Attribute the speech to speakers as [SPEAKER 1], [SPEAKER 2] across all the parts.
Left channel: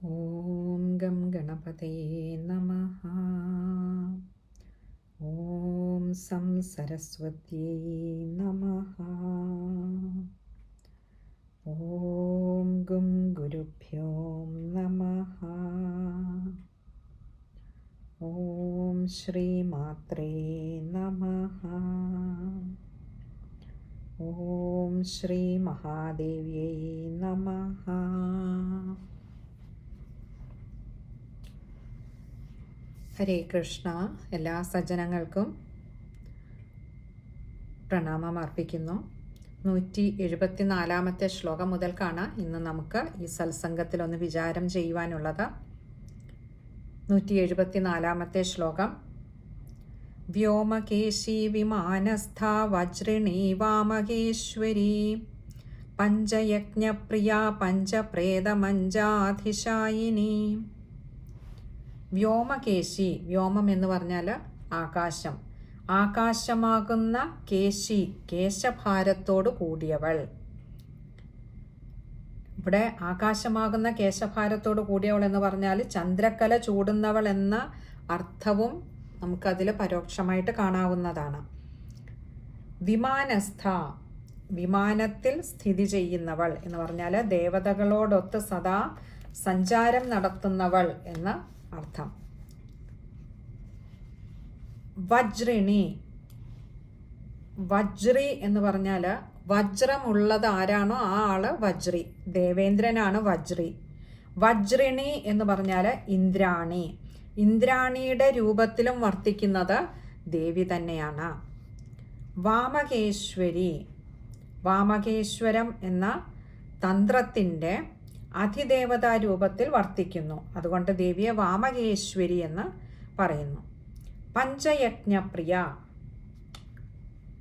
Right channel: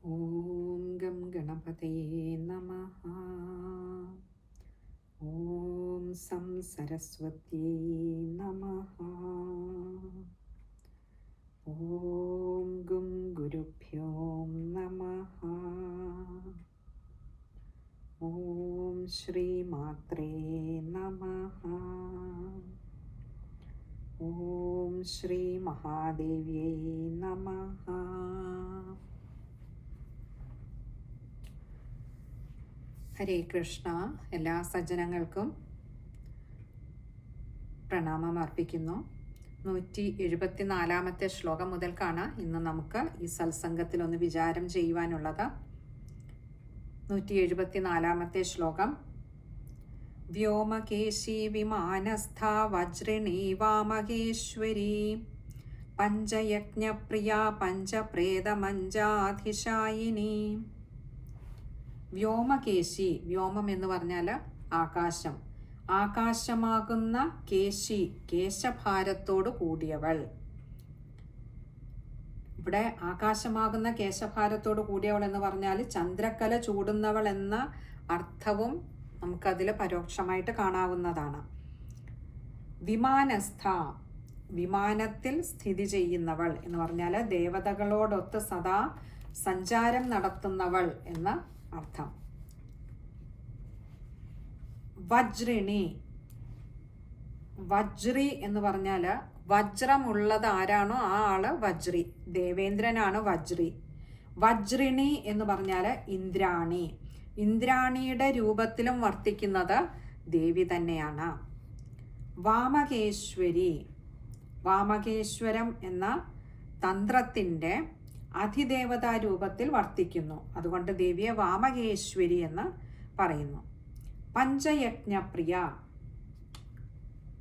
[SPEAKER 1] ഓം gum ഗണപതേ നമ ഓം some സരസ്വത്യേ നമ ഓം ഗും ഗുരുഭ്യോ നമ ഓം ശ്രീമാത്രേ നമ ഓം ശ്രീ മഹാദേവ്യൈ നമ ഹരേ കൃഷ്ണ എല്ലാ സജ്ജനങ്ങൾക്കും പ്രണാമം അർപ്പിക്കുന്നു. നൂറ്റി എഴുപത്തിനാലാമത്തെ ശ്ലോകം മുതൽക്കാണ് ഇന്ന് നമുക്ക് ഈ സത്സംഗത്തിൽ ഒന്ന് വിചാരം ചെയ്യുവാനുള്ളത്. നൂറ്റി എഴുപത്തിനാലാമത്തെ ശ്ലോകം. വ്യോമകേശി വിമാനസ്ഥ വജ്രിണി വാമകേശ്വരി പഞ്ചയജ്ഞപ്രിയ പഞ്ചപ്രേതമഞ്ചാധിശായിനി. വ്യോമകേശി വ്യോമം എന്ന് പറഞ്ഞാൽ ആകാശം. ആകാശമാകുന്ന കേശി കേശഭാരത്തോട് കൂടിയവൾ. ഇവിടെ ആകാശമാകുന്ന കേശഭാരത്തോട് കൂടിയവൾ എന്ന് പറഞ്ഞാൽ ചന്ദ്രക്കല ചൂടുന്നവൾ എന്ന അർത്ഥവും നമുക്കതിൽ പരോക്ഷമായിട്ട് കാണാവുന്നതാണ്. വിമാനസ്ഥ വിമാനത്തിൽ സ്ഥിതി ചെയ്യുന്നവൾ എന്ന് പറഞ്ഞാൽ ദേവതകളോടൊത്ത് സദാ സഞ്ചാരം നടത്തുന്നവൾ എന്ന അർത്ഥം. വജ്രിണി. വജ്രി എന്ന് പറഞ്ഞാൽ വജ്രമുള്ളത് ആരാണോ? ആ ആൾ വജ്രി. ദേവേന്ദ്രനാണ് വജ്രി. വജ്രിണി എന്ന് പറഞ്ഞാൽ ഇന്ദ്രാണി. ഇന്ദ്രാണിയുടെ രൂപത്തിലും വർത്തിക്കുന്നത് ദേവി തന്നെയാണ്. വാമകേശ്വരി. വാമകേശ്വരം എന്ന തന്ത്രത്തിന്റെ അതിദേവതാ രൂപത്തിൽ വർത്തിക്കുന്നു. അതുകൊണ്ട് ദേവിയെ വാമകേശ്വരി എന്ന് പറയുന്നു. പഞ്ചയജ്ഞപ്രിയ.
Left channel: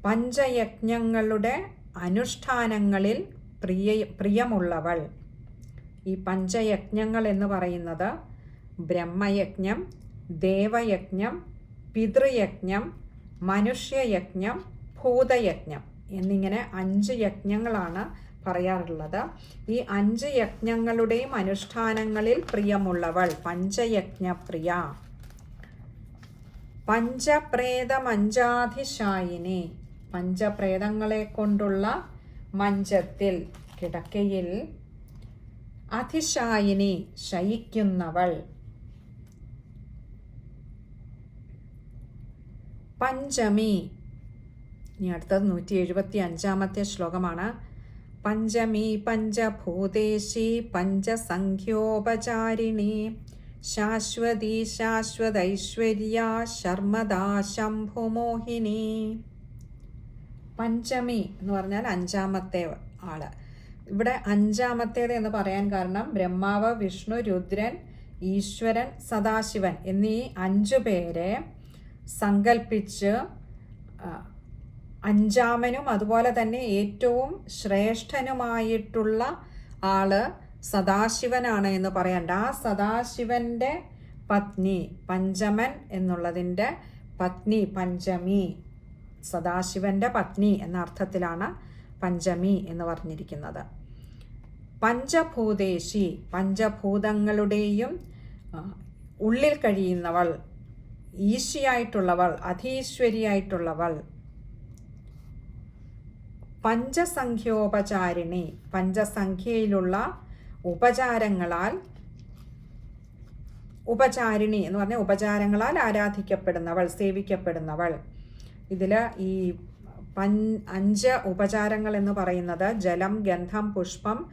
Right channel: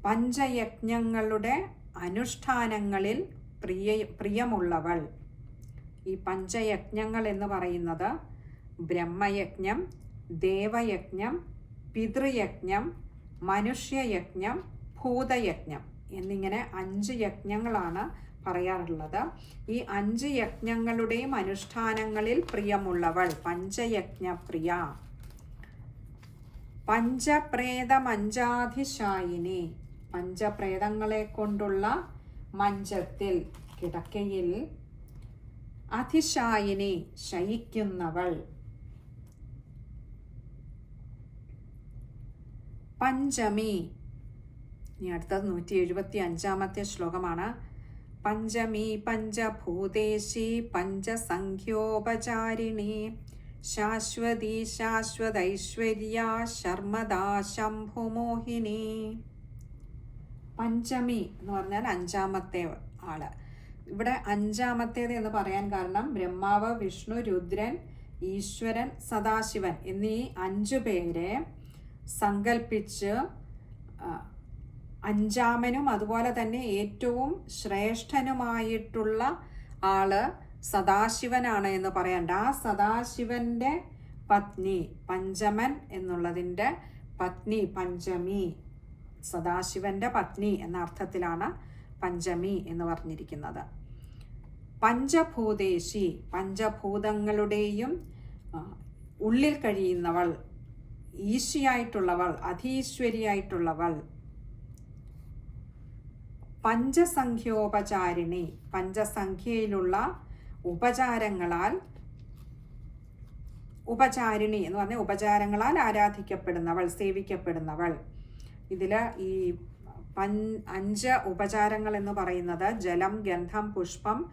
[SPEAKER 1] പഞ്ചയജ്ഞങ്ങളുടെ അനുഷ്ഠാനങ്ങളിൽ പ്രിയ പ്രിയമുള്ളവൾ. ഈ പഞ്ചയജ്ഞങ്ങൾ എന്ന് പറയുന്നത് ബ്രഹ്മയജ്ഞം ദേവയജ്ഞം പിതൃയജ്ഞം മനുഷ്യയജ്ഞം ഭൂതയജ്ഞം എന്നിങ്ങനെ അഞ്ച് യജ്ഞങ്ങളാണ് പറയാറുള്ളത്. ഈ അഞ്ച് യജ്ഞങ്ങളുടെയും അനുഷ്ഠാനങ്ങളിൽ പ്രിയമുള്ളവൾ. പഞ്ചയജ്ഞപ്രിയ. പഞ്ചപ്രേതമഞ്ചാധിശായിനി. പഞ്ചപ്രേതങ്ങളെ കൊണ്ടുള്ള മഞ്ചത്തിൽ കിടക്കയിൽ അതിശായിനി ശയിക്കുന്നവൾ. പഞ്ചമി. ഇനി അടുത്തത് നൂറ്റി എഴുപത്തി അഞ്ചാമത്തെ ശ്ലോകമാണ്. പഞ്ചമി പഞ്ചഭൂതേശി പഞ്ചസംഖ്യോപചാരിണി ശാശ്വതി ശാശ്വതൈശ്വര്യ ശർമ്മദാ ശംഭുമോഹിനി. പഞ്ചമി എന്ന് പറഞ്ഞാൽ അഞ്ചാമത്തെ ആൾ. ഇവിടെ അഞ്ചാമത്തേത് എന്ന് പറയാൻ കാരണം ബ്രഹ്മാവ് വിഷ്ണു രുദ്രൻ ഈശ്വരൻ സദാശിവൻ എന്നീ അഞ്ചു പേരെ സങ്കൽപ്പിച്ച് അഞ്ചാമനും അതുപോലെ തന്നെ ഏറ്റവും ശ്രേഷ്ഠനുമായിട്ടുള്ള ആൾ സദാശിവനാണ് എന്ന് പറയണ്ട. ആ സദാശിവന്റെ പത്നി പഞ്ചമൻ എന്നുള്ളതിന്റെ പത്നി പഞ്ചമി. സദാശിവന്റെ പത്നി എന്ന അർത്ഥത്തിലാണ് പഞ്ചമി എന്ന് പറഞ്ഞിരിക്കുന്നത്. പഞ്ചഭൂതേശി പഞ്ചഭൂതങ്ങളുടെയും ഉള്ളിൽ കഴിയുന്നവൾ ഈശിയായിട്ടുള്ളവൾ അധീശ്വരിയായിട്ടുള്ളവൾ പഞ്ചസംഖ്യോപചാരിണി. പഞ്ചസംഖ്യയിലുള്ള ഉപചാരങ്ങളാൽ ഉപചാരിണി എന്ന് പറഞ്ഞ ഉപചാരങ്ങളാൽ ആരാധിക്കപ്പെടുന്നവൾ സേവിക്കപ്പെടുന്നവൾ. ഇതിൽ ഈ പൻ അഞ്ച് ഉപചാരങ്ങൾ എന്ന് പറയുന്നത് ജലം ഗന്ധം പുഷ്പം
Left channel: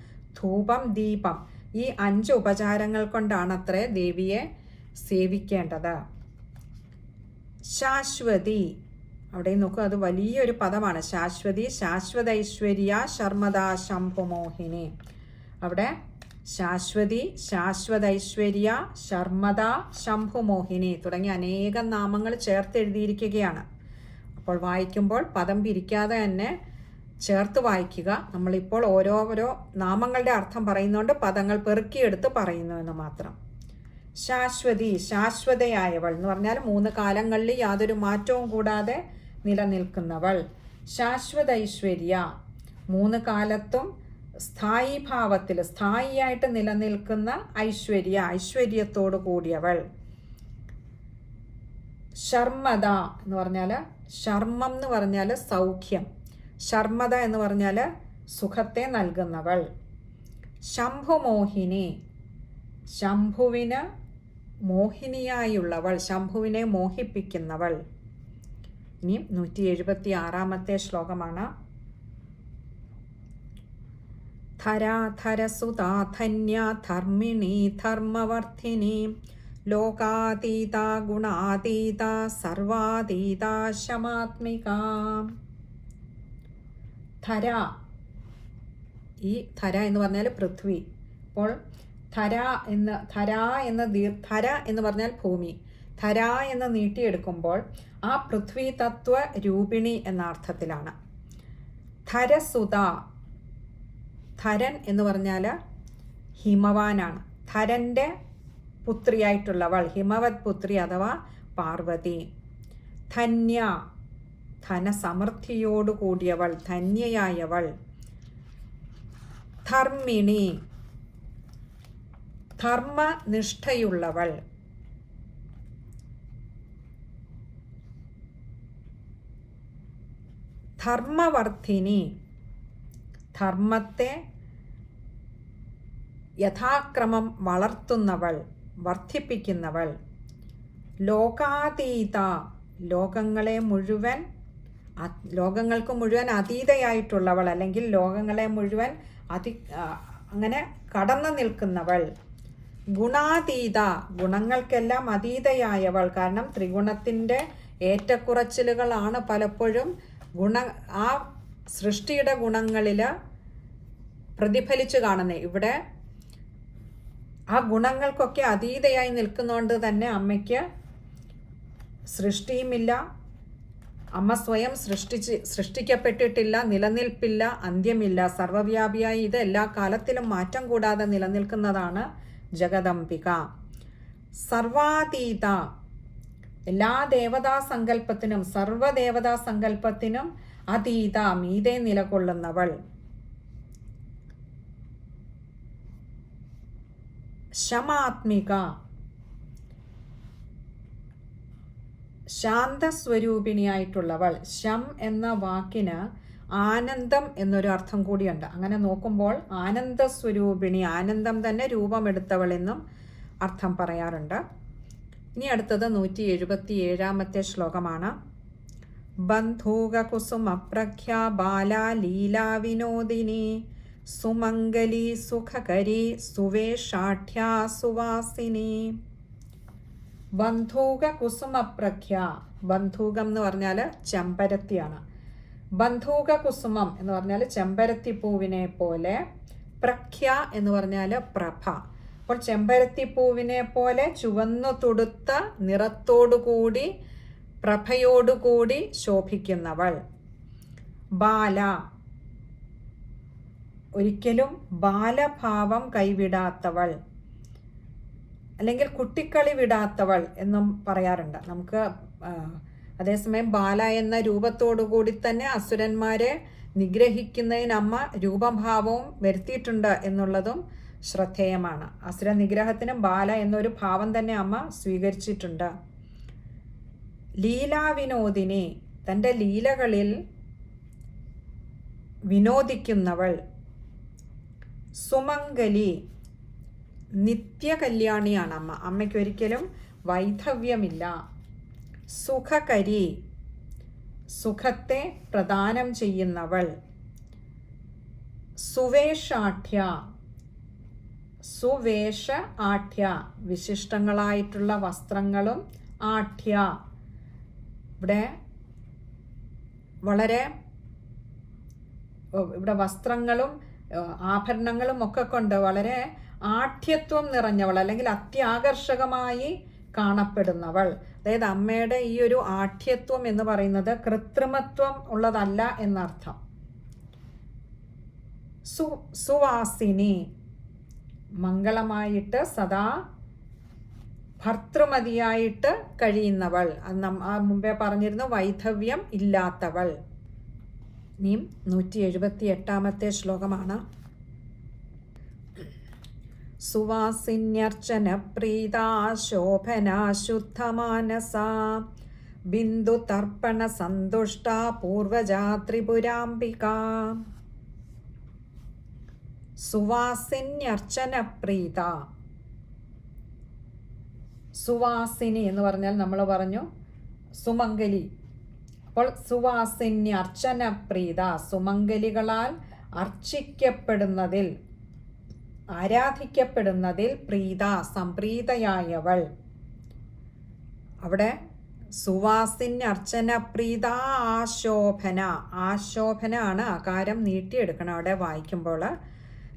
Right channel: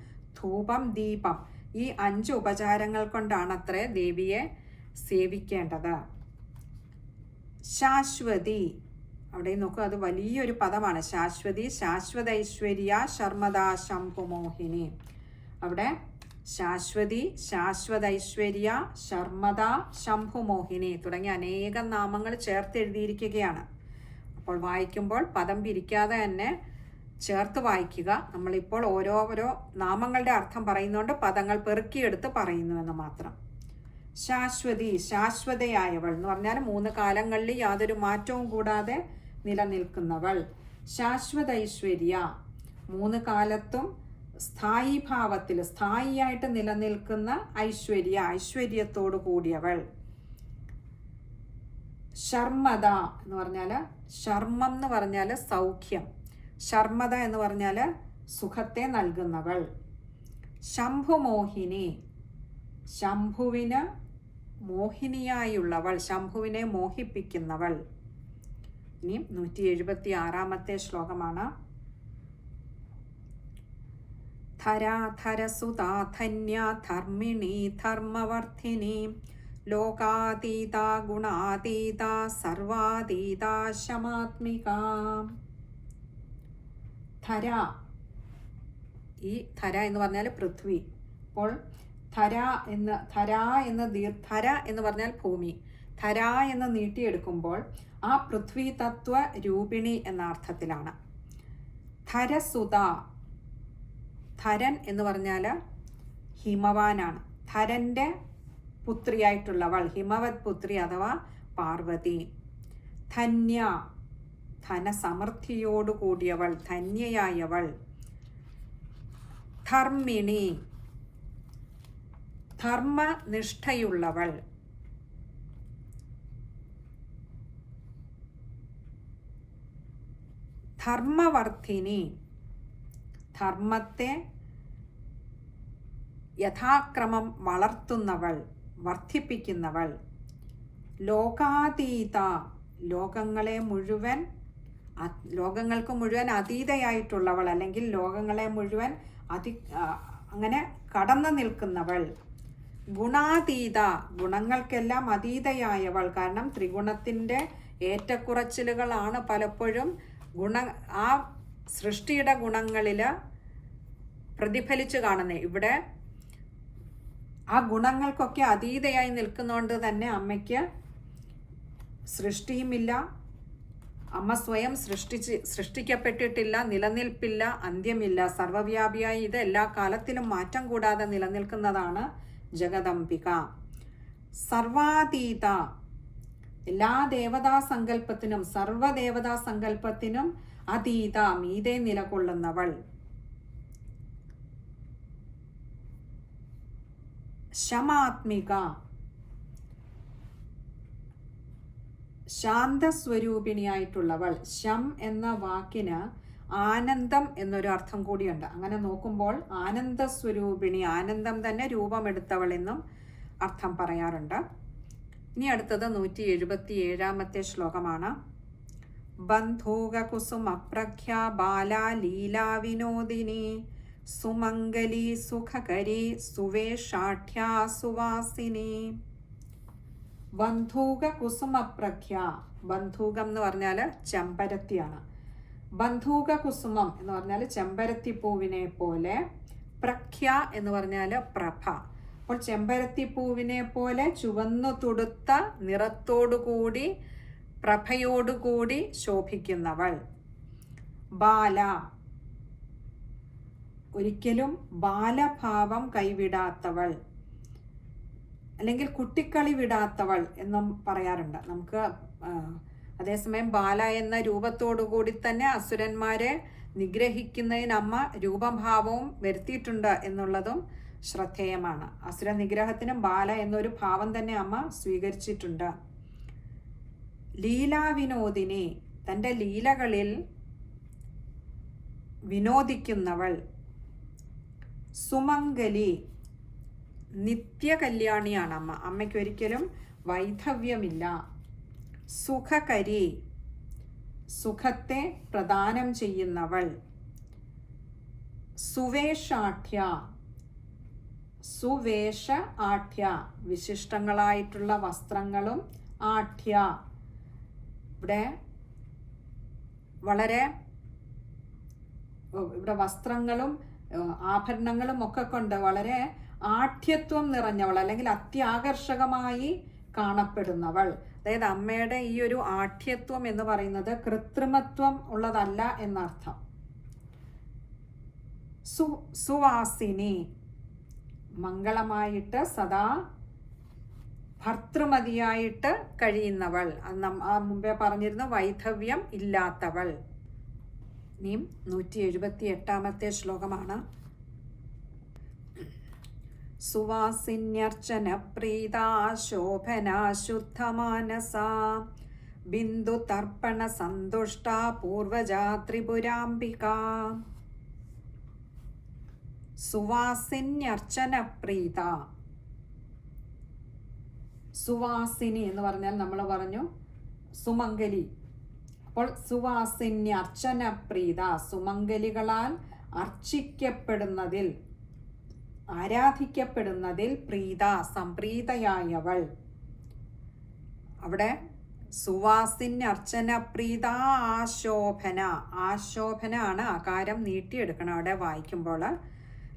[SPEAKER 1] ധൂപം ദീപം. ഈ അഞ്ച് ഉപചാരങ്ങൾ കൊണ്ടാണത്രേ ദേവിയെ സേവിക്കേണ്ടത്. ശാശ്വതി. അവിടെ നോക്കൂ അത് വലിയൊരു പദമാണ്. ശാശ്വതി ശാശ്വതൈശ്വര്യ ശർമ്മദാ ശംഭുമോഹിനി അവിടെ ശാശ്വതി ശാശ്വതൈശ്വര്യ ശർമ്മദ ശംഭുമോഹിനി തുടങ്ങിയ അനേകം നാമങ്ങൾ ചേർത്ത് എഴുതിയിരിക്കുകയാണ്. അപ്പോൾ വായിക്കുമ്പോൾ പദം പിരിക്കാതെ തന്നെ ചേർത്ത് വായിക്കുക. നമ്മളിപ്പോൾ ഓരോരോ നാമങ്ങളുടെ അർത്ഥം പറയുന്നതുകൊണ്ട് പദങ്ങൾ പെറുക്കിയെടുത്ത് പറയുന്നു എന്ന് മാത്രം. ശാശ്വതി ശാശ്വതയായവൾ എന്ന് പറഞ്ഞാൽ മൂന്ന് കാലങ്ങളിൽ യാതൊരു മാറ്റവും കൂടാതെ നിലനിൽക്കുന്നവൾ. ശാശ്വത ഐശ്വര്യ. മൂന്ന് കാലത്തും സ്ഥായി ഭാവത്തിൽ സ്ഥായിയായിട്ട് നിലനിൽക്കുന്ന ഐശ്വര്യ ഐശ്വര്യത്തോടു കൂടിയവൾ. ശർമ്മത എന്ന് പറഞ്ഞാൽ ശർമ്മം എന്ന് പറഞ്ഞാൽ സൗഖ്യം. ശർമ്മത എന്ന് പറഞ്ഞാൽ സുഖത്തെ നൽകുന്നവൾ. ശംഭുമോഹിനി. ശംഭുവിന് മോഹിനിയായുള്ളവൾ ശംഭുവിനെ മോഹിപ്പിക്കുന്നവൾ. ഇനി നൂറ്റി എഴുപത്തി ആറാമത്തെ ശ്ലോകമാണ് ധരാധരസുതാ ധർമ്മവർദ്ധിനി ലോകാതീത ഗുണാതീത സർവാതീത ശമാത്മിക. ധര. ഈ ധര എന്ന് പറഞ്ഞാൽ പൃഥ്വി. അപ്പോൾ ധര എന്ന ധര എന്ന ദീർ ധര എന്ന് പറഞ്ഞാൽ ഭൂമി. ധര എന്ന് നീട്ടിയെടുക്കുമ്പോൾ ആ പൃഥ്വി തത്വ രൂപിണി എന്ന അർത്ഥത്തിലാണ്. ധരസുത ധരൻ എന്ന് പറഞ്ഞാൽ ഹിമവാനാണ്. ധരന്റെ പുത്രിയായിട്ടുള്ളവൾ ഹിമവത് പുത്രി അഥവാ പാർവതി. ധന്യ ധനസമൃദ്ധിയോടുകൂടിയവൾ ധന്യയായവൾ. ധർമ്മിണി ധർമ്മനിഷ്ഠയുള്ളവൾ. ധർമ്മവർദ്ധിനി ധർമ്മത്തെ യഥാക്രമം വളർത്തുന്നവൾ വർദ്ധിപ്പിക്കുന്നവൾ ലോകാതീത ലോകങ്ങളെ മുഴുവൻ ലോകങ്ങൾക്ക് മുഴുവൻ അതീതയായിട്ടുള്ളവൾ അല്ലെങ്കിൽ ലോകങ്ങളെ മുഴുവൻ അതി അങ്ങനെ കടന്നു നിൽക്കുന്നവൾ. ഗുണാതീത ഗുണങ്ങൾക്കെല്ലാം അതീതയായവൾ. കാരണം ത്രിഗുണത്തിന്റെ ഏറ്റക്കുറച്ചിലുകളാണ് പലപ്പോഴും ഗുണ ആ സൃഷ്ടിയുടെ ഗുണങ്ങളിൽ പ്രതിഫലിച്ചു കാണുന്നത് ഇവിടെ ആ ഗുണങ്ങൾക്കൊക്കെ അതീതയായി നിൽക്കുന്നതുകൊണ്ട് തന്നെ അമ്മയ്ക്ക് സൃഷ്ടിയുമില്ല. അമ്മ സ്വയം സൃഷ്ടിച്ച് സൃഷ്ടിക്കപ്പെട്ടിട്ടില്ല നിലനിൽപ്പില്ല അന്ത്യമില്ല. സർവവ്യാപിയായി ഇത് എല്ലാ കാലത്തിലും മാറ്റം കൂടാതെ നിലനിൽക്കുന്നതാണ് ജഗദംബിക. സർവാതീത. എല്ലാ ദേവതാ സങ്കല്പത്തിനും സർവദേവതാ സങ്കല്പത്തിനും അതീത മീതെ നിലകൊള്ളുന്നവൾ. ശമാത്മിക. ശാന്തസ്വരൂപിണിയായിട്ടുള്ളവൾ. ശം എന്ന വാക്കിന് ആനന്ദം എന്നൊരു അർത്ഥം കൂടിയുണ്ട്. അങ്ങനെ നോക്കുമ്പോൾ ആനന്ദ സ്വരൂപിണി ആനന്ദം തന്നെ രൂപമെടുത്തവളെന്നും അർത്ഥം പറയാറുണ്ട്. ഇനി അടുത്തത് നൂറ്റി എഴുപത്തി ഏഴാമത്തെ ശ്ലോകമാണ്. ബന്ധൂകകുസുമപ്രഖ്യ ബാലാലീലാവിനോദിനി ലീലാ വിനോദിനി സുമംഗലി സുഖകരി സുവേഷാഠ്യാ സുവാസിനി. ബന്ധൂക കുസുമപ്രഖ്യ ബന്ധൂകം എന്ന് പറഞ്ഞാൽ ചെമ്പരത്തിയാണ്. ബന്ധൂക കുസുമം എന്ന് പറഞ്ഞാൽ ചെമ്പരത്തി പൂവിനെ പോലെ പ്രഖ്യ എന്ന് പറഞ്ഞാൽ പ്രഭ. അപ്പോൾ ചെമ്പരത്തി പൂവിനെ പോലെ ചുവന്നു തുടുത്ത നിറത്തോടുകൂടി പ്രഭയോടുകൂടി ശോഭിക്കുന്നവൾ. ബാല. ഒരിക്കലും ബാലഭാവം കൈവിടാത്തവൾ. അല്ലെങ്കിൽ കുട്ടിക്കളി വിടാത്തവൾ എന്നും പറയാറുണ്ട്. നമുക്ക് അതേസമയം ബാല എന്ന രൂപത്തോടു കൂടി തന്നെ അസുരന്മാരെ നിഗ്രഹിക്കുന്നതിന് അമ്മ രൂപഭാവവും വരുത്തിയിട്ടുണ്ട് എന്നുള്ളതും ശ്രദ്ധേയമാണ്. അസുര നിഗ്രഹത്തിനും ബാല എന്നൊരു ഭാവം തന്നെ അമ്മ സ്വീകരിച്ചിട്ടുണ്ട്. ലീലാവിനോദിനി തന്റെ ലീലകളിൽ വിനോദിക്കുന്നവൾ സുമംഗലി നിത്യകല്യാണിയാണ് അമ്മ. അമ്മയ്ക്ക് ഒരിക്കലും വൈധവ്യമില്ല. സുഖകരി. സുഖത്തെ പ്രദാനം ചെയ്യുന്നവൾ. സുവേഷാഠ്യ. സുവേഷ ആഠ്യ വിശിഷ്ടങ്ങളായിട്ടുള്ള വസ്ത്രങ്ങളും ആഠ്യ. ഇവിടെ വളരെ ഇവിടെ വസ്ത്രങ്ങളും ആഭരണങ്ങളും ഒക്കെ കൊണ്ട് വളരെ ആഠ്യത്വം നിറഞ്ഞവൾ അല്ലെങ്കിൽ അത്യാകർഷകമായി കാണപ്പെടുന്നവൾ. അതായത് അമ്മയുടെ ഈ ഒരു ആഠ്യത്വം എന്ന് പറയുന്നത് കൃത്രിമത്വം ഉള്ളതല്ല എന്നർത്ഥം. സു സുവാസിനി മംഗളമായിട്ട് സദാ ഭർത്തൃമതിയായിട്ട് കഴിയുന്നവൾ. മുമ്പേ പറഞ്ഞിരുന്നു വൈധവ്യം ഇല്ലാത്തവൾ. ഇനിയും നൂറ്റി എഴുപത്തി എട്ടാമത്തെ ശ്ലോകമാണ്. സുവാസിന്യർച്ചന പ്രീതാ ശോഭനാ ശുദ്ധമാനസാ ബിന്ദുതർപ്പണ സന്തുഷ്ട പൂർവജാ ത്രിപുരാംബിക സുവാസിന്യർച്ചന പ്രീത സുവാസിനി എന്ന് പറഞ്ഞാൽ നമ്മൾ പറഞ്ഞു സുമംഗലി. അപ്പോൾ സുവാസിന്യർച്ചന പ്രീത സുമംഗലികളാൽ അർച്ചിക്കപ്പെടുന്നതിൽ ആരാധിക്കപ്പെടുന്നതിൽ പ്രീത സംപ്രീതയായവൾ. അവിടെ സുവാസിന് അർച്ചന പ്രീത ആശോഭന. ആശോഭന ആണ് ആകാരം നീട്ടിയെടുക്കണം. അവിടെ വായിക്കുമ്പോൾ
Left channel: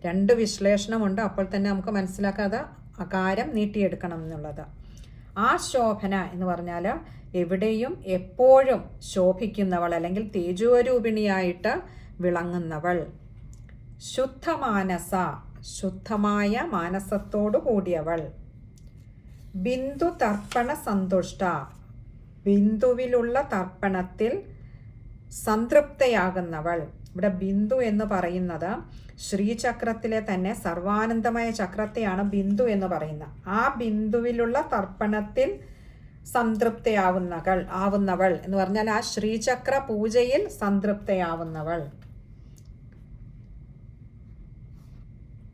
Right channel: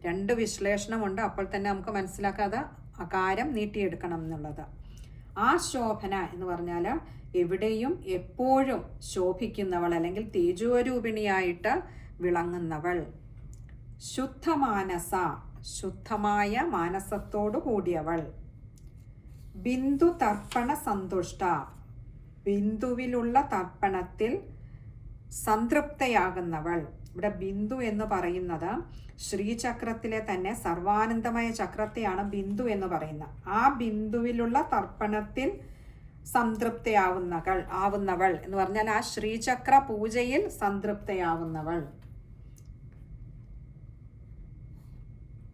[SPEAKER 1] രണ്ട് വിശ്ലേഷണമുണ്ട്. അപ്പോൾ തന്നെ നമുക്ക് മനസ്സിലാക്കാതെ അകാരം നീട്ടിയെടുക്കണം എന്നുള്ളത്. ആശോഭന എന്ന് പറഞ്ഞാൽ എവിടെയും എപ്പോഴും ശോഭിക്കുന്നവൾ അല്ലെങ്കിൽ തേജോരൂപിണിയായിട്ട് വിളങ്ങുന്നവൾ. ശുദ്ധമാനസ. ശുദ്ധമായ മാനസത്തോടു കൂടിയവൾ ബിന്ദു തർപ്പണ സന്തുഷ്ട. ബിന്ദുവിലുള്ള തർപ്പണത്തിൽ സംതൃപ്തയാകുന്നവൾ. ഇവിടെ ബിന്ദു എന്ന് പറയുന്നത് ശ്രീചക്രത്തിലെ തന്നെ സർവാനന്ദമായ ചക്രത്തെയാണ് ബിന്ദു എന്ന് പറയുന്നത്. ആ ബിന്ദുവിലുള്ള തർപ്പണത്തിൽ സംതൃപ്തയാവുന്നകൾ ആവുന്നവൾ എന്ന് പറഞ്ഞാൽ ആ ശ്രീചക്ര പൂജയിൽ സംതൃപ്തയാവുന്നവൾ.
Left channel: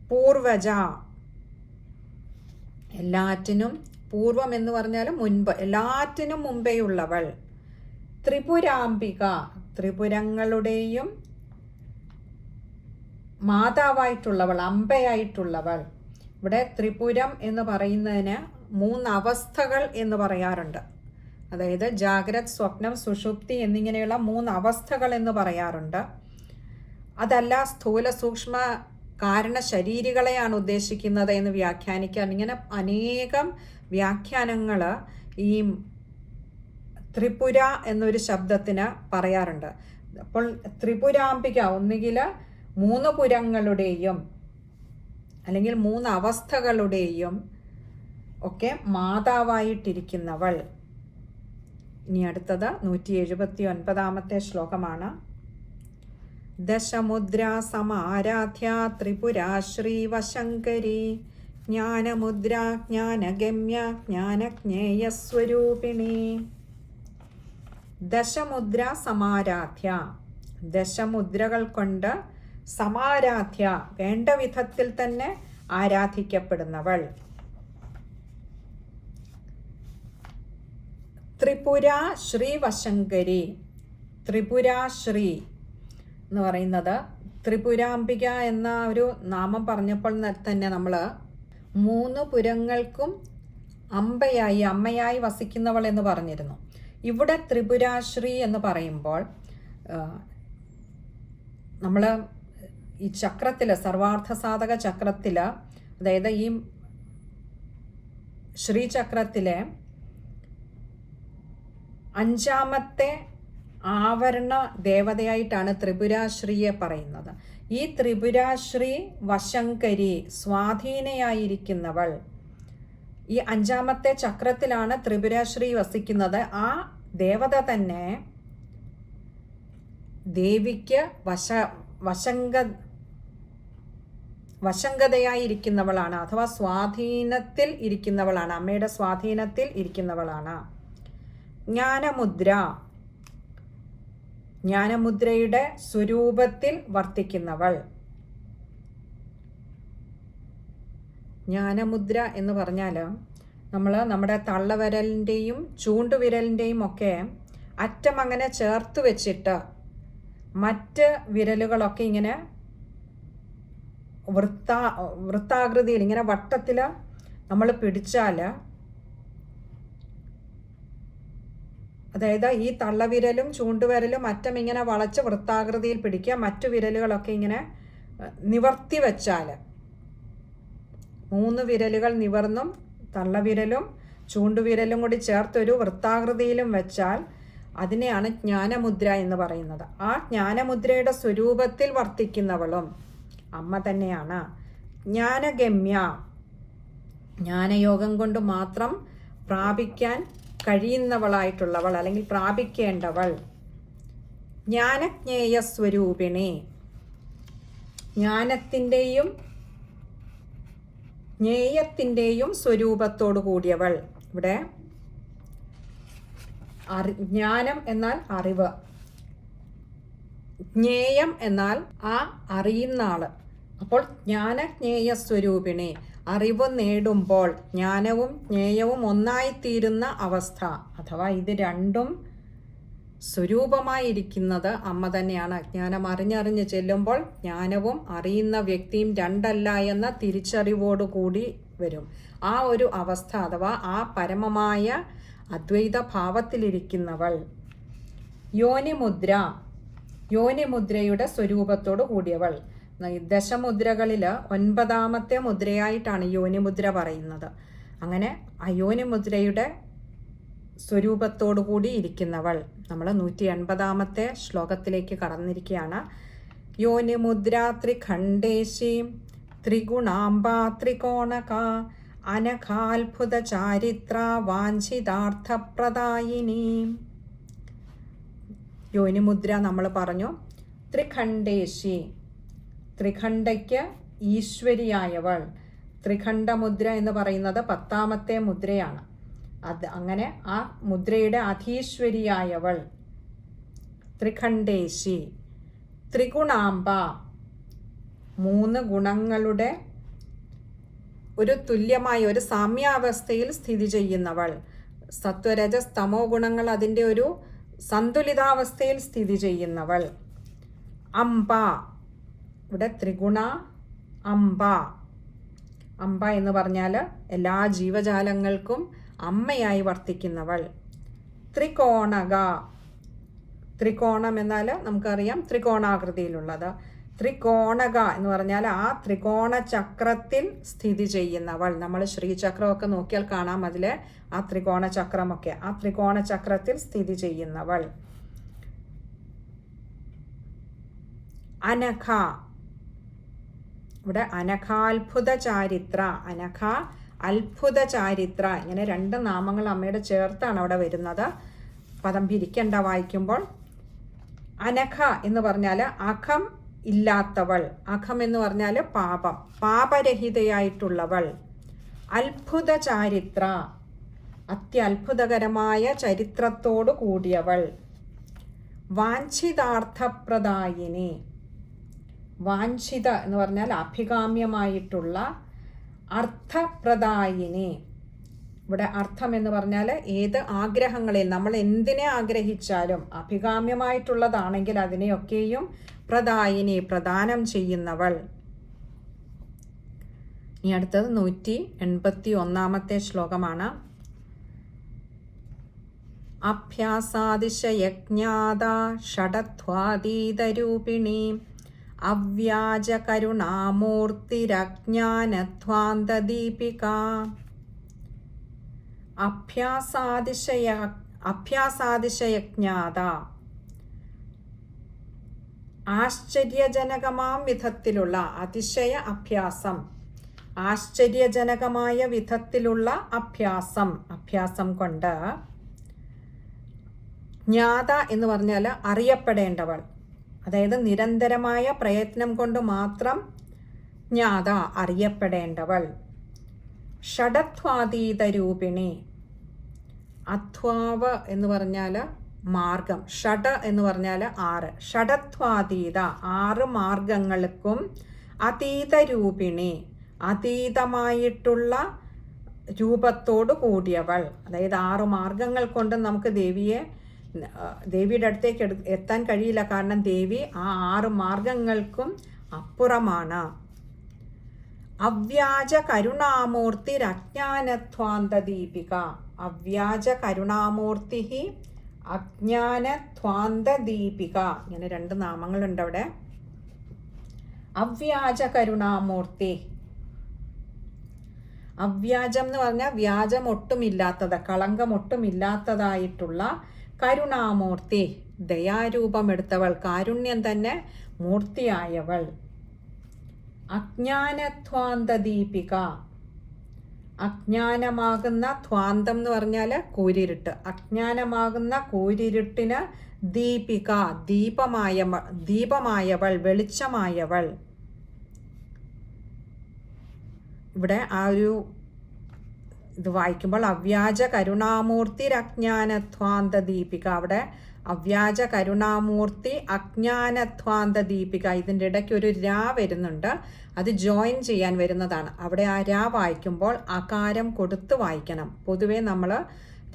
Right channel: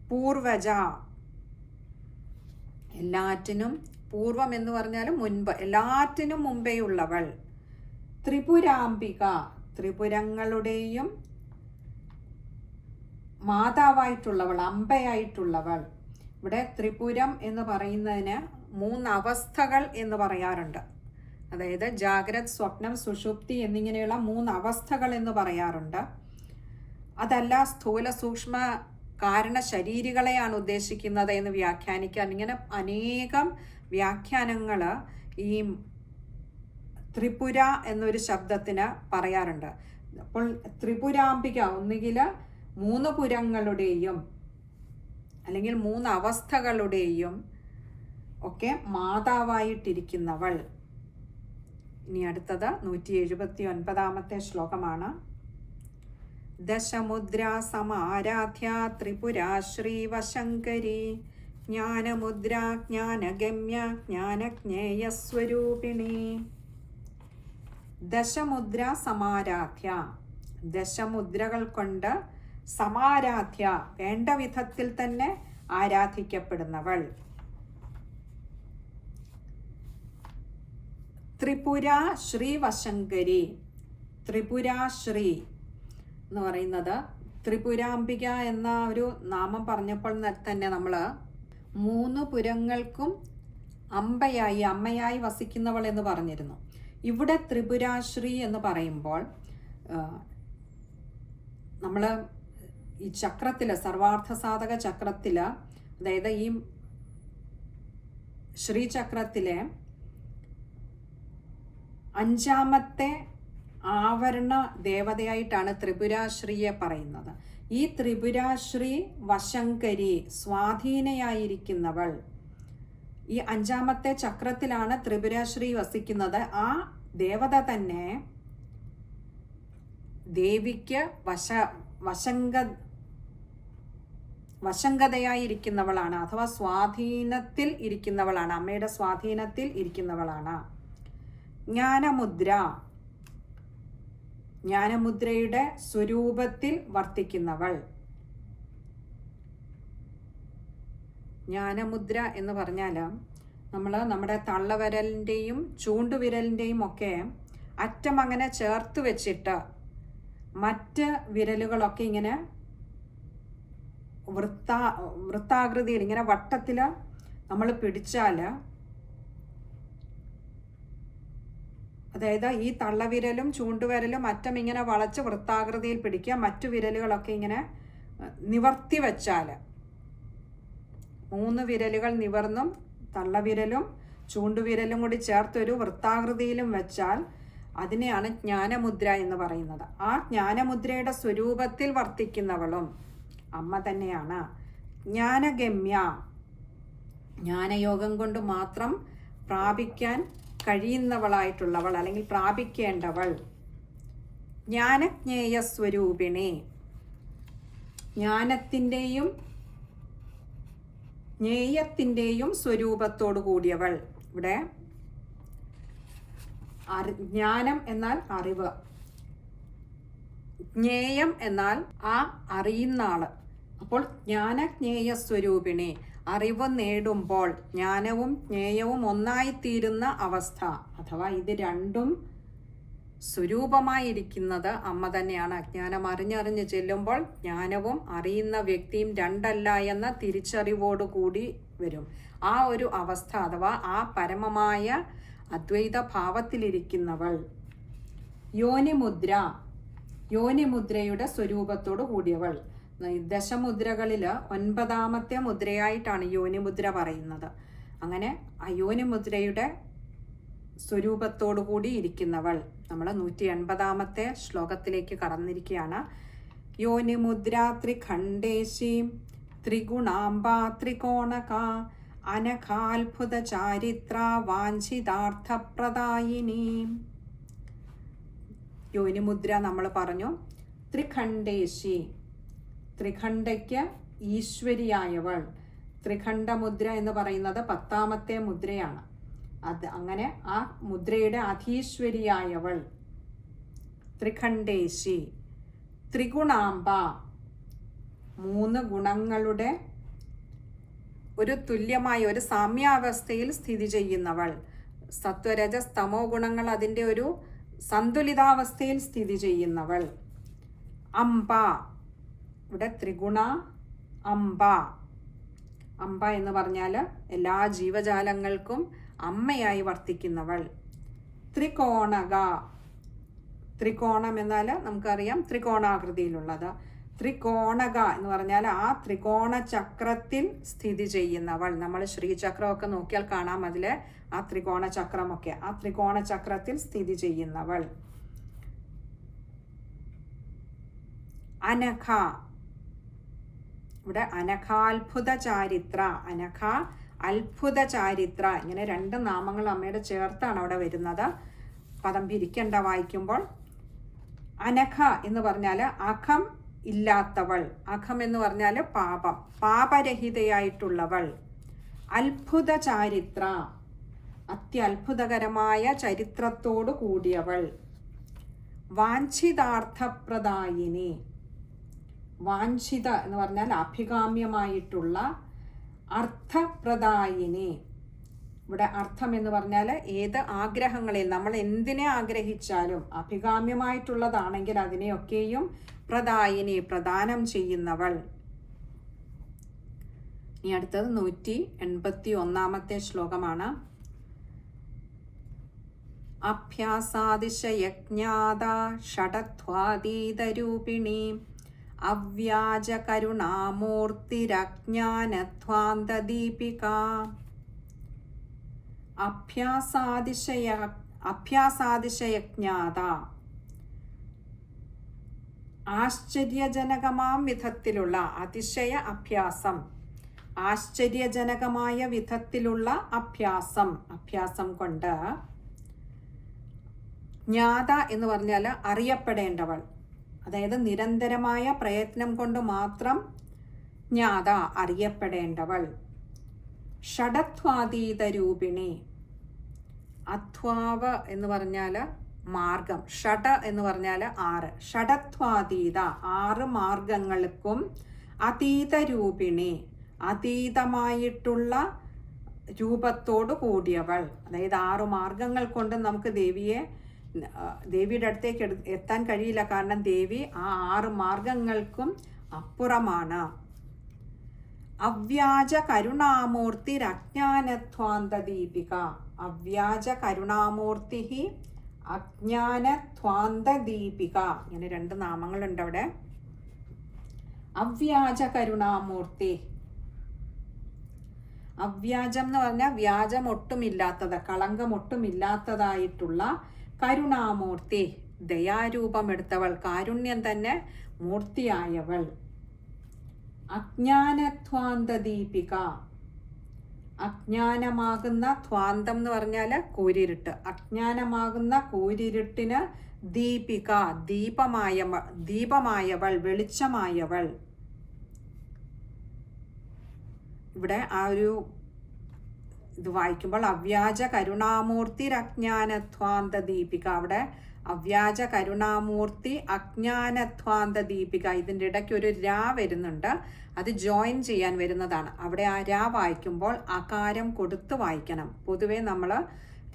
[SPEAKER 1] പൂർവജ. എല്ലാറ്റിനും പൂർവം എന്ന് പറഞ്ഞാൽ മുൻപ് എല്ലാറ്റിനും മുമ്പേ ഉള്ളവൾ ത്രിപുരാംബിക ത്രിപുരങ്ങളുടെയും മാതാവായിട്ടുള്ളവൾ അമ്പയായിട്ടുള്ളവൾ. ഇവിടെ ത്രിപുരം എന്ന് പറയുന്നതിന് മൂന്ന് അവസ്ഥകൾ എന്ന് പറയാറുണ്ട്. അതായത് ജാഗ്രത് സ്വപ്നം സുഷുപ്തി എന്നിങ്ങനെയുള്ള മൂന്ന് അവസ്ഥകൾ എന്ന് പറയാറുണ്ട്. അതല്ല സ്ഥൂല സൂക്ഷ്മ കാരണ ശരീരികളെയാണ് ഉദ്ദേശിക്കുന്നത് എന്ന് വ്യാഖ്യാനിക്കാൻ. ഇങ്ങനെ അനേകം വ്യാഖ്യാനങ്ങൾ ഈ ത്രിപുര എന്നൊരു ശബ്ദത്തിന് പറയാറുണ്ട്. അപ്പോൾ ത്രിപുരാംബിക ഒന്നുകിൽ മൂന്ന് പുരങ്ങളുടെയും അല്ലെങ്കിൽ മൂന്ന് അവസ്ഥകളുടെയും ഒക്കെ മാതാവായിട്ടിരിക്കുന്നവൾ. ഇനി അടുത്തത് നൂറ്റി എഴുപത്തി ഒൻപതാമത്തെ ശ്ലോകമാണ്. ദശമുദ്ര സമാരാധ്യ ത്രിപുരാ ശ്രീവശങ്കരി ജ്ഞാനമുദ്ര ജ്ഞാനഗമ്യ ജ്ഞാനജ്ഞേയസ്വരൂപിണി. ദശമുദ്ര സമാരാധ്യ ദശമുദ്രകൾ കൊണ്ട് സമാരാധ്യ വേണ്ട വിധത്തിൽ തന്നെ ആരാധിക്കപ്പെടുന്നവൾ. ത്രിപുര ശ്രീവശങ്കരി ത്രിപുര ശ്രീ എന്ന് പറയുന്നത്. ത്രിപുരാംബിക എന്ന ഒരു നാമം പറഞ്ഞപ്പോൾ തന്നെ നമ്മൾ മൂന്ന് പുരങ്ങൾക്കും അമ്പയായി അമ്മയായി വസിക്കുന്നവൾ എന്ന് പറഞ്ഞിരുന്നു. ഇവിടെ ത്രിപുരാശ്രീ എന്ന് പറയുമ്പോൾ നമ്മൾ ഈ ചക്രത്തിൽ സർവാർത്ഥ സാധക ചക്രത്തിൽ അതായത് ഈ ശ്രീചക്രത്തിലെ അഞ്ചാമത്തെ ആവരണ ദേവതയായിട്ടാണ് ത്രിപുരാശ്രീയെ പറയുന്നത്. ഈ ത്രിപുരാശ്രീ വശങ്കരി സ്വാധീനയായിരിക്കുന്നവൾ. ഈ അഞ്ചാമത്തെ ചക്രത്തിലാണ് ത്രിപുരാശ്രീ വസിക്കുന്നത്. ആ ദേവത തന്നെ ദേവിക്ക് വശ വശങ്ക വശങ്കതയായിരിക്കുന്നവളാണ് അഥവാ സ്വാധീനത്തിൽ ഇരിക്കുന്നവളാണ്. അമ്മയുടെ സ്വാധീനത്തിൽ ഇരിക്കുന്നവളാണ്. ജ്ഞാനമുദ്ര ജ്ഞാനമുദ്രയുടെ സ്വരൂപത്തിൽ വർത്തിക്കുന്നവൾ. ജ്ഞാനമുദ്ര എന്ന് പറഞ്ഞാൽ നമ്മൾ നമ്മുടെ തള്ളവിരലിന്റെയും ചൂണ്ടുവിരലിന്റെയും ഒക്കെ അറ്റം അങ്ങനെ ചേർത്ത് വെച്ചിട്ട് മറ്റ് വിരലുകളൊക്കെ ഇങ്ങനെ വൃത്താ വൃത്താകൃതിയിൽ ഇങ്ങനെ വട്ടത്തിൽ നമ്മൾ പിടിച്ചാൽ അതായത് ഈ തള്ളവിരലും ചൂണ്ടുവിരലും അറ്റം ഇങ്ങനെ വളച്ച് വൃത്താകൃതിയിൽ പിടിക്കുക മറ്റു വിരലുകളൊക്കെ ഇങ്ങനെ നിവർത്തി വെച്ചാൽ മൂന്ന് വിരലുകൾ നിവർന്നും തള്ളവിരലും ചൂണ്ടുവിരലും കൂടി ചേർത്തൊരു വൃത്താകൃതിയിലും വെച്ചാൽ അതിനെയാണ് ജ്ഞാനമുദ്ര എന്ന് പറയുന്നത്. ആ ജ്ഞാനമുദ്രയുടെ സ്വരൂപത്തിൽ വർത്തിക്കുന്നവളും അമ്മ തന്നെയാണ്. ജ്ഞാനഗമ്യ. ജ്ഞാനയോഗം കൊണ്ട് മാത്രം പ്രാപിക്കാൻ കഴിയുന്നവളായിട്ടുള്ളവൾ അല്ലെങ്കിൽ പ്രാപിക്കേണ്ടവൾ ജ്ഞാനജ്ഞേയ സ്വരൂപിണി. ജ്ഞാനത്തിന്റെയും ജ്ഞേയത്തിന്റെയും സ്വരൂപത്തോടു കൂടിയവൾ. ഇവിടെ അറി ജ്ഞാനം എന്നാൽ അറിവ്. ജ്ഞേയം എന്നാൽ ആ അറിയുന്ന ആൾ. അപ്പോൾ ജ്ഞാനജ്ഞേയ സ്വരൂപിണി. അറിവ് നേടുമ്പോൾ ജ്ഞാനവും ജ്ഞേയവും ഒന്നായിത്തീരുന്ന അവസ്ഥ. അഥവാ ഇത് രണ്ടും സ്വരൂപമായിരിക്കുന്നത് അമ്മ തന്നെയാണ്. അജ്ഞാനം അറിഞ്ഞറിഞ്ഞ് ചെല്ലുമ്പോൾ ജ്ഞാനവും അറിയുന്ന വ്യക്തിയും രണ്ടല്ല എന്ന തിരിച്ചറിവോടുകൂടി വരും. ആ ഒരു അവസ്ഥ അഥവാ ആ പരമമായ അദ്വൈത ഭാവത്തിലിരിക്കുന്നവൾ യോനിമുദ്ര യോനിമുദ്രയുടെ സ്വരൂപത്തോടു കൂടിയവൾ ദശമുദ്രകളിൽ ഒൻപതാമത്തെ മുദ്രയായിട്ടാണ് യോനിമുദ്ര പറയുന്നത്. അങ്ങനെ അയോനിമുദ്രയുടെ യോനിമുദ്രയുടെ സ്വരൂപത്തോടു കൂടി ഇരിക്കുന്നവൾ. നമ്മൾ നൂറ്റി എൺപതാമത്തെ ശ്ലോകത്തിലേക്ക് കടന്നിരിക്കുകയാണ്. യോനിമുദ്ര ത്രിഖണ്ഡേശി ത്രിഗുണാംബ ത്രികോണക അനഘാത്ഭുത ചാരിത്ര വാഞ്ചിതാർത്ഥപ്രദായിനി. യോനിമുദ്ര നമ്മൾ പറഞ്ഞു ത്രിഖണ്ഡേശി ത്രിഖണ്ഡയ്ക്ക് ഈശ്വരിയായവൾ. ത്രിഖണ്ഡമുദ്ര എന്ന് പറയുന്നത് പത്താമത്തെ മുദ്രയാണ്. അത് അങ്ങനെ ആ മുദ്രയുടെ അധീശ്വരിയായവൾ. ത്രിഖണ്ഡേശി. ത്രിഗുണാംബ. മൂന്ന് ഗുണങ്ങളുടെ ഒരു തുല്യമായ ഒരു സാമ്യാവസ്ഥയിൽ സ്ഥിതി ചെയ്യുന്നവൾ. സത്വരജ സ്തമോ ഗുണങ്ങൾ അതിന്റെ ഒരു സന്തുലിതാവസ്ഥയിൽ സ്ഥിതി ചെയ്യുന്നവൾ. അംബ. ഇവിടെ ത്രിഗുണ അംബ. അംബ എന്ന് പറഞ്ഞാൽ എല്ലാ ജീവജാലങ്ങൾക്കും അമ്മയായി വർത്തിക്കുന്നവൾ. ത്രികോണക. ത്രികോണം എന്നാൽ നമുക്കറിയാം ത്രികോണാകൃതിയിലുള്ളത്. ത്രികോണക എന്ന് പറഞ്ഞാൽ ആ ത്രികോണ ചക്രത്തിൽ സ്ഥിതി ചെയ്യുന്നവൾ. നമ്മൾ ശ്രീചക്രമൊക്കെ നോക്കിയാൽ കാണാം അതിലെ ആ ത്രികോണ ചക്രമൊക്കെ ആ ത്രികോണ ചക്രത്തിൽ സ്ഥിതി ചെയ്യുന്നവൾ. അനഘ. ഇവിടെ അനഘാത്ഭുത ചാരിത്ര അനഘ അത്ഭുത ചാരിത്ര ഇങ്ങനെ രണ്ട് നാമങ്ങൾ അമ്മയുടെ ചേർത്താണ് അവിടെ വരുന്നത്. പദം പിരിക്കണ്ട വായിക്കുമ്പോൾ. അനഘ എന്ന് പറഞ്ഞാൽ അഖം ഇല്ലാത്തവൾ. അഖം എന്ന് പറഞ്ഞാൽ പാപം പാപരഹിതയായിട്ടുള്ളവൾ. അത്ഭുത ചാരിത്ര അത്യത്ഭുതകരമായ ചരിത്രത്തോടു കൂടിയവൾ. വാഞ്ചിതാർത്ഥപ്രദായിനി. വാഞ്ചിത എന്ന് പറഞ്ഞാൽ അഭികാമ്യമായിട്ടുള്ള അർത്ഥപ്രദായിനി. ഇവിടെ അർത്ഥം എന്ന് പറഞ്ഞാൽ ഏത് ആഗ്രഹങ്ങളിൽ നമ്മൾ എന്തിനെ ആഗ്രഹിച്ചാലും അഭികാമ്യമായിട്ടുള്ളതാണെങ്കിൽ അതിനെയൊക്കെയും പ്രദായിനി പ്രദാനം ചെയ്യുന്നവൾ. ഇനി അടുത്തത് നൂറ്റി എൺപത്തി ഒന്നാമത്തെ ശ്ലോകമാണ്. അഭ്യാസാതിശയജ്ഞാത ഷഡധ്വാതീതരൂപിണി അവ്യാജകരുണാമൂർത്തിരജ്ഞാനധ്വാന്തദീപിക. അഭ്യാസാതിശയ അഭ്യാസാതിശയജ്ഞാത. ആശ്ചര്യജനകമാം വിധത്തിലുള്ള അതിശയ അഭ്യാസം. ആശ്ചര്യജനകമായ വിധത്തിലുള്ള അഭ്യാസം. അഭ്യാസം കൊണ്ട് ജ്ഞാത എന്ന് പറഞ്ഞാൽ അറിയപ്പെടേണ്ടവൾ. അതായത് നിരന്തരമായ പ്രയത്നം കൊണ്ട് മാത്രം ജ്ഞാത അറിയപ്പെടേണ്ടവൾ. ഷഡത്വാതീത രൂപിണി അധ്വാവ് എന്ന് പറഞ്ഞാൽ മാർഗം. ഷഡ എന്ന് പറഞ്ഞാൽ ആറ്. ഷഡത്വാതീത. ആറ് മാർഗങ്ങൾക്കും അതീത രൂപിണി അതീതമായിട്ടുള്ള രൂപത്തോടു കൂടിയവൾ. അതായത് ആറ് മാർഗങ്ങൾ കൊണ്ട് നമുക്ക് ദേവിയെ ദേവിയുടെ അടുത്തേക്ക് എത്താൻ കഴിയില്ല. കാരണം ദേവി ആ ആറ് മാർഗങ്ങൾക്കും അപ്പുറമാണ്. അവ്യാജ കരുണാമൂർത്തി അജ്ഞാനധ്വാന്ത ദീപിക അവ്യാജ കരുണാമൂർത്തി അജ്ഞാനധ്വാന്ത ദീപിക ഇങ്ങനെ രണ്ട് നാമങ്ങളുണ്ട് അവിടെ. അവ്യാജ കരുണാമൂർത്തി. അവ്യാജം എന്ന് പറഞ്ഞാൽ വ്യാജം ഒട്ടുമില്ലാത്തത് കളങ്കം ഒട്ടുമില്ലാത്തതായിട്ടുള്ള കരുണാമൂർത്തി ദയാരൂപമെടുത്തവൾ കാരുണ്യം തന്നെ മൂർത്തിയായവൾ. അജ്ഞാനധ്വാന്ത ദീപിക അജ്ഞാനമാകുന്ന ധ്വാന്തം എന്ന് പറഞ്ഞാൽ കൂരിരുട്ട്. അജ്ഞാനമാകുന്ന കൂരിരുട്ടിന് ദീപിക ദീപമായ ദീപമായവൾ വെളിച്ചമായവൾ. ഇവിടെ ആ ഒരു ഇത് വായിക്കുമ്പോൾ അവ്യാജ കരുണാമൂർത്തി അജ്ഞാനധ്വാന്ത ദീപിക അവിടെ അവ്യാജ കരുണാമൂർത്തി അജ്ഞാനധ്വാന്ത ദീപിക ഇതിന്റെ ഇടയ്ക്ക് ഒരു രാ വരുന്നുണ്ട്. അത് ജോയിൻ ചെയ്യാൻ വരുന്നതാണ്. അവിടെ ആ രാ വായിക്കുമ്പോൾ അകാരം കൊടുത്ത് വായിക്കണം. പൊതുവേ നമ്മൾ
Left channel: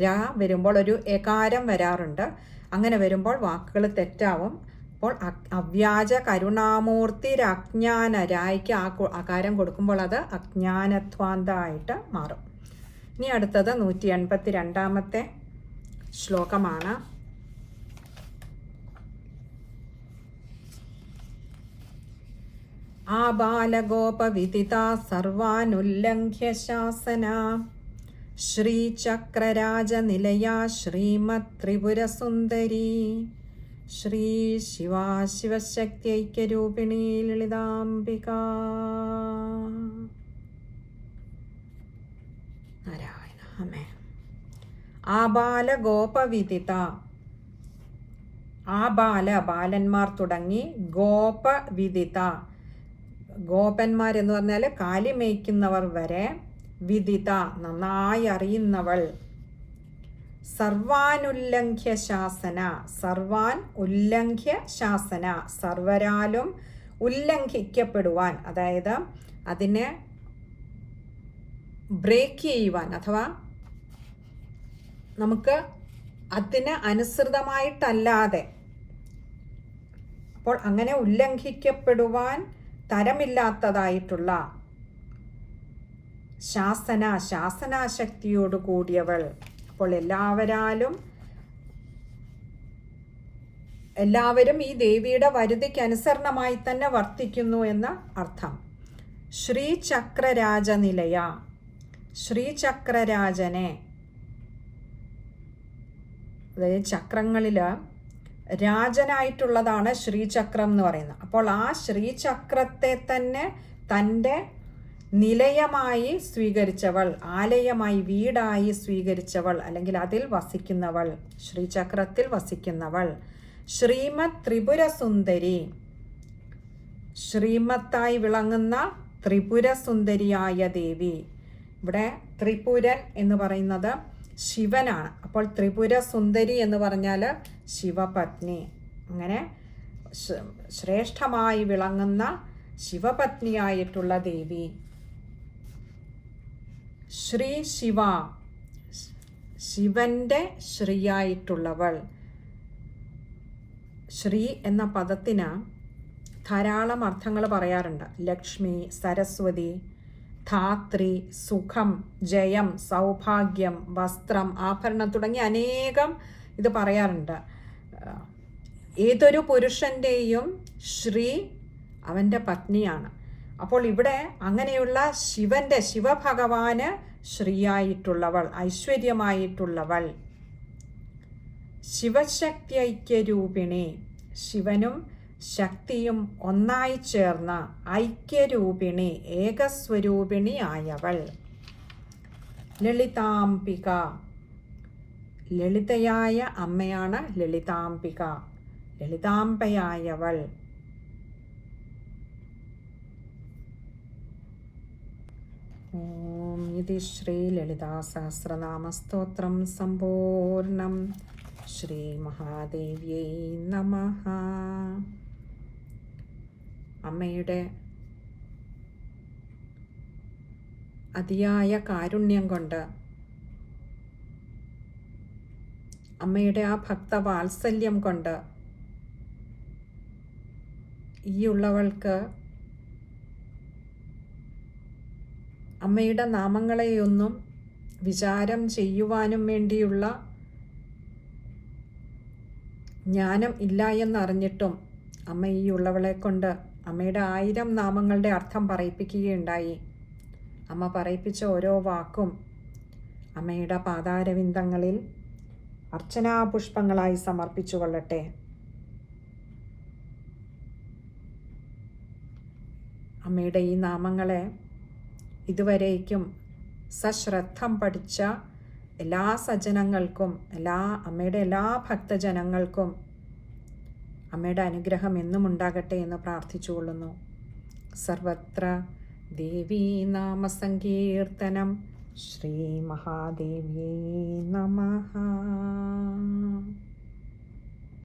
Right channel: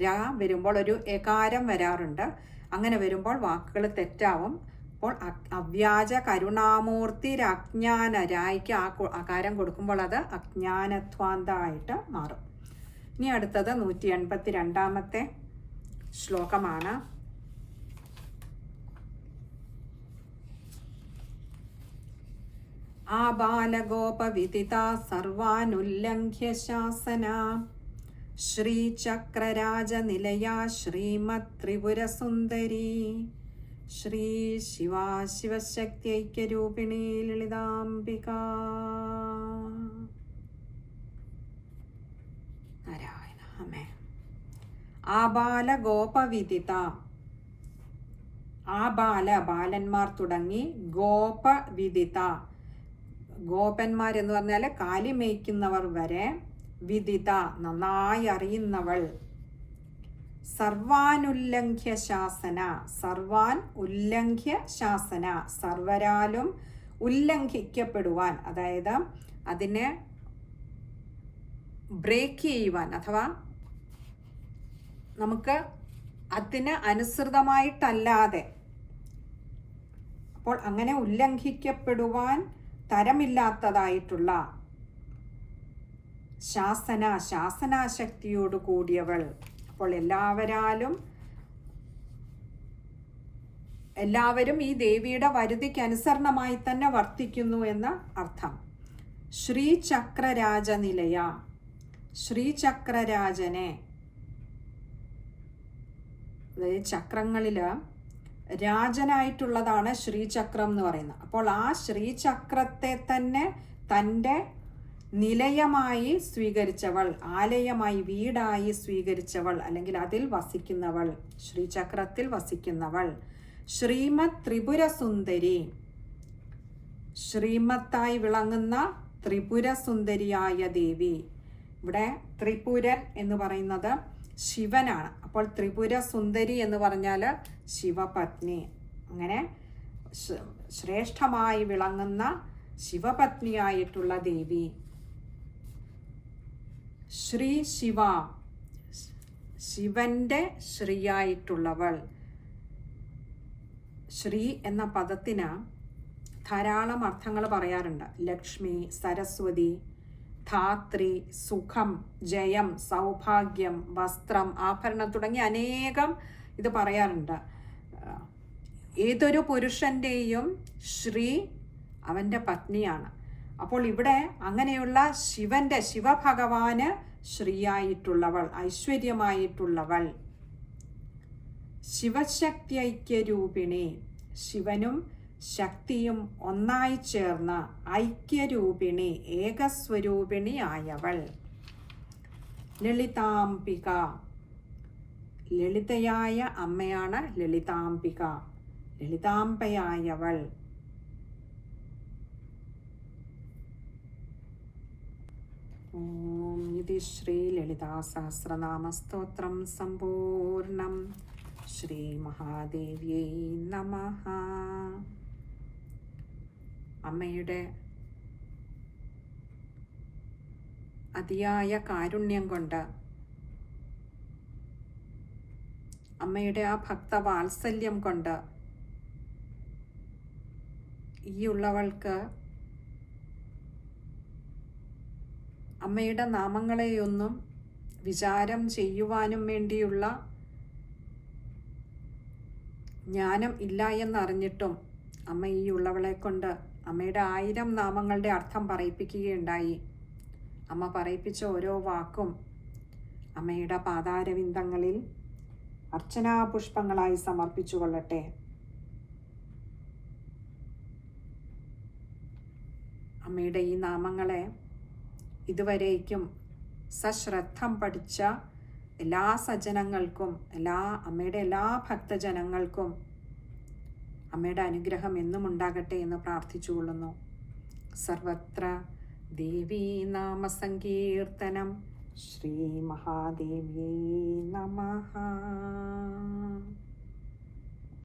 [SPEAKER 1] രാ വരുമ്പോൾ ഒരു എകാരം വരാറുണ്ട്. അങ്ങനെ വരുമ്പോൾ വാക്കുകൾ തെറ്റാവും. അപ്പോൾ അവ്യാജ കരുണാമൂർത്തി അജ്ഞാന രായ്ക്ക് ആ അകാരം കൊടുക്കുമ്പോൾ അത് അജ്ഞാനധ്വാന്തമായിട്ട് മാറും. ഇനി അടുത്തത് നൂറ്റി എൺപത്തി രണ്ടാമത്തെ ശ്ലോകമാണ്. ആബാലഗോപവിദിതാ സർവാനുല്ലംഘ്യ ശാസന ശ്രീചക്രരാജനിലയാ ശ്രീമത് ത്രിപുരസുന്ദരി ശ്രീ ശിവാ ശിവശക്തി ലളിതാംബിക. അമ്മേ ഗോപവിദിത ആബാല ബാലന്മാർ തുടങ്ങി ഗോപവിദിത. ഗോപന്മാർ എന്ന് പറഞ്ഞാൽ കാലി മേയ്ക്കുന്നവർ വരെ വിദിത നന്നായി അറിയുന്നവൾ. സർവാനുല്ലംഘ്യ ശാസന സർവാൻ ഉല്ലംഘ്യ ശാസന സർവരാലും ഉല്ലംഘിക്കപ്പെടുവാൻ അതായത് അതിനെ ബ്രേക്ക് ചെയ്യുവാൻ അഥവാ നമുക്ക് അതിന് അനുസൃതമായിട്ടല്ലാതെ അപ്പോൾ അങ്ങനെ ഉല്ലംഘിക്കപ്പെടുവാൻ തരമില്ലാത്തതായിട്ടുള്ള ശാസന ശാസനാശക്തിയോട് കൂടിയവൾ. അപ്പോൾ എല്ലാവരാലും എല്ലാവരും ഈ ദേവിയുടെ വരുതിക്ക് അനുസരണമായി തന്നെ വർത്തിക്കുന്നു എന്ന അർത്ഥം. ശ്രീചക്രരാജനിലയ ശ്രീചക്രരാജനെ അതായത് ചക്രങ്ങളിൽ രാജനായിട്ടുള്ളതാണ് ശ്രീചക്രം എന്ന് പറയുന്നത്. അപ്പോൾ ആ ശ്രീചക്രത്തെ തന്നെ തന്റെ നിലയമായി സ്വീകരിച്ചവൾ ആലയമായി വീടായി സ്വീകരിച്ചവൾ അല്ലെങ്കിൽ അതിൽ വസിക്കുന്നവൾ ശ്രീചക്രത്തിൽ വസിക്കുന്നവൾ. ശ്രീമത് ത്രിപുരസുന്ദരി. ശ്രീമത്തായി വിളങ്ങുന്ന ത്രിപുരസുന്ദരിയായ ദേവി. ഇവിടെ ത്രിപുരൻ എന്ന് പറയുന്നത് ശിവനാണ്. അപ്പോൾ ത്രിപുര സുന്ദരി എന്ന് പറഞ്ഞാൽ ശിവപത്നി. അങ്ങനെ ശ്രേഷ്ഠമായി വിളങ്ങുന്ന ശിവപത്നിയായിട്ടുള്ള ദേവി. ശ്രീ ശിവ ശിവന്റെ ശ്രീയായിട്ടുള്ളവൾ. ശ്രീ എന്ന പദത്തിന് ധാരാളം അർത്ഥങ്ങൾ പറയാറുണ്ട്. ലക്ഷ്മി സരസ്വതി ധാത്രി സുഖം ജയം സൗഭാഗ്യം വസ്ത്രം ആഭരണം തുടങ്ങി അനേകം ഇത് പറയാറുണ്ട്. ഏതൊരു പുരുഷന്റെയും ശ്രീ അവന്റെ പത്നിയാണ്. അപ്പോൾ ഇവിടെ അങ്ങനെയുള്ള ശിവന്റെ ശിവഭഗവാന് ശ്രീയായിട്ടുള്ളവൾ ഐശ്വര്യമായിട്ടുള്ളവൾ ശിവശക്തി ഐക്യരൂപിണി ശിവനും ശക്തിയും ഒന്നായി ചേർന്ന ഐക്യരൂപിണി ഏകസ്വരൂപിണി ആയവൾ. ലളിതാംബിക. ലളിതയായ അമ്മയാണ് ലളിതാംബിക. ലളിതാംബയായവൾ. ഓം ഇതി ശ്രീ ശ്രീലളിതാസഹസ്രനാമസ്തോത്രം സമ്പൂർണം ശ്രീ മഹാദേവ്യൈ നമ. അമ്മയുടെ അതിയായ കാരുണ്യം കൊണ്ട് അമ്മയുടെ ആ ഭക്ത വാത്സല്യം കൊണ്ട് ഈ ഉള്ളവൾക്ക് അമ്മയുടെ നാമങ്ങളെയൊന്നും വിചാരം ചെയ്യുവാനും വേണ്ടിയുള്ള ജ്ഞാനം ഇല്ല എന്നറിഞ്ഞിട്ടും അമ്മ ഈ ഉള്ളവളെ കൊണ്ട് അമ്മയുടെ ആയിരം നാമങ്ങളുടെ അർത്ഥം പറയിപ്പിക്കുകയുണ്ടായി. അമ്മ പറയിപ്പിച്ച ഓരോ വാക്കും അമ്മയുടെ പാതാരവിന്ദങ്ങളിൽ അർച്ചനാപുഷ്പങ്ങളായി സമർപ്പിച്ചു കൊള്ളട്ടെ. അമ്മയുടെ ഈ നാമങ്ങളെ ഇതുവരേക്കും സശ്രദ്ധം പഠിച്ച എല്ലാ സജ്ജനങ്ങൾക്കും എല്ലാ അമ്മയുടെ എല്ലാ ഭക്തജനങ്ങൾക്കും അമ്മയുടെ അനുഗ്രഹം എന്നും ഉണ്ടാകട്ടെ എന്ന് പ്രാർത്ഥിച്ചുകൊള്ളുന്നു. സർവത്ര ദേവീ നാമസങ്കീർത്തനം ശ്രീ മഹാദേവി നമ.